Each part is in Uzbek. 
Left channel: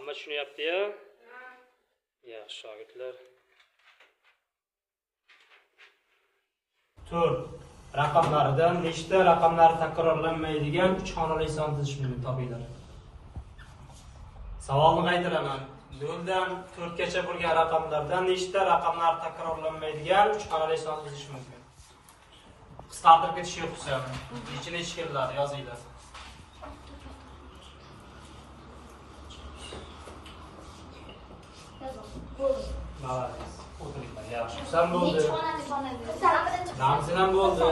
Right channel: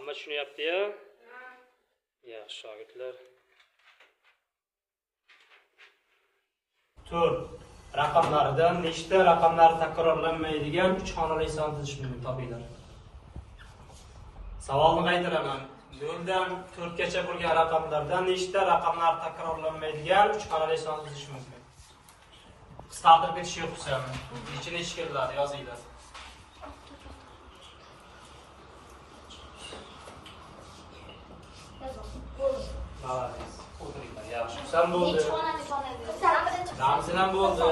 Hamma tushunyapti-ya? Yaxshi shogirdlar. Raqamlardan nechta raqamlar takrorlanmaydigan 3 xonali son tuzishni topinglar. Savol nima aytiladi? 0dan 4 gacha bo'lgan raqamlardan nechta raqamlar takrorlanmaydigan 3 xonali son tuzish mumkin? Startga tushyapsan. Nechta keladi yozinglar. Sen bo'ldi. Sen bo'ldi.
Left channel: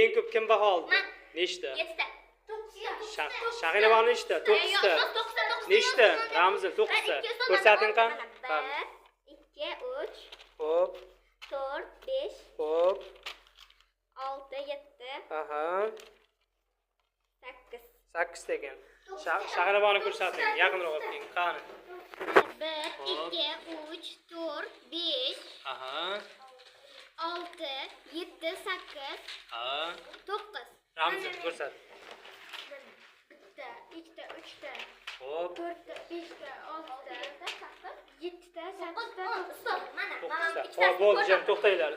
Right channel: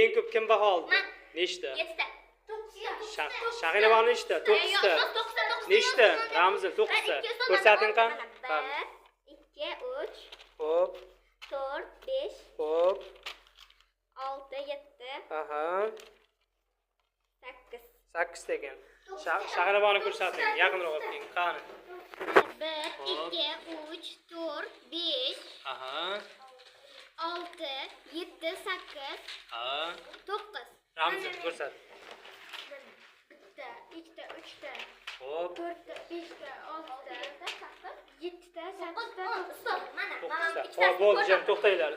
Eng ko'p kim baho oldi? Nechta? 7 ta. 9 Shahina bor nechta? 9 ta. Nechta? Ramzan 9 ta. Ko'rsating qani? 1 2 3 Xo'p. 4 5 Xo'p. 6 7 Aha. 8 8 degan. Shahina borni ko'rsating. Yaqinroq oling. Qani? 1 2 3 4 5 Aha. 6 7 8 Ha. 9 Ramzan ko'rsat. 1 ta 2 ta 3 ta Xo'p. 4 ta 5 ta 6 ta 7 ta 8 ta 9 ta. Mana 9 ta. Xo'p, bo'ldi, jam to'xtanglar.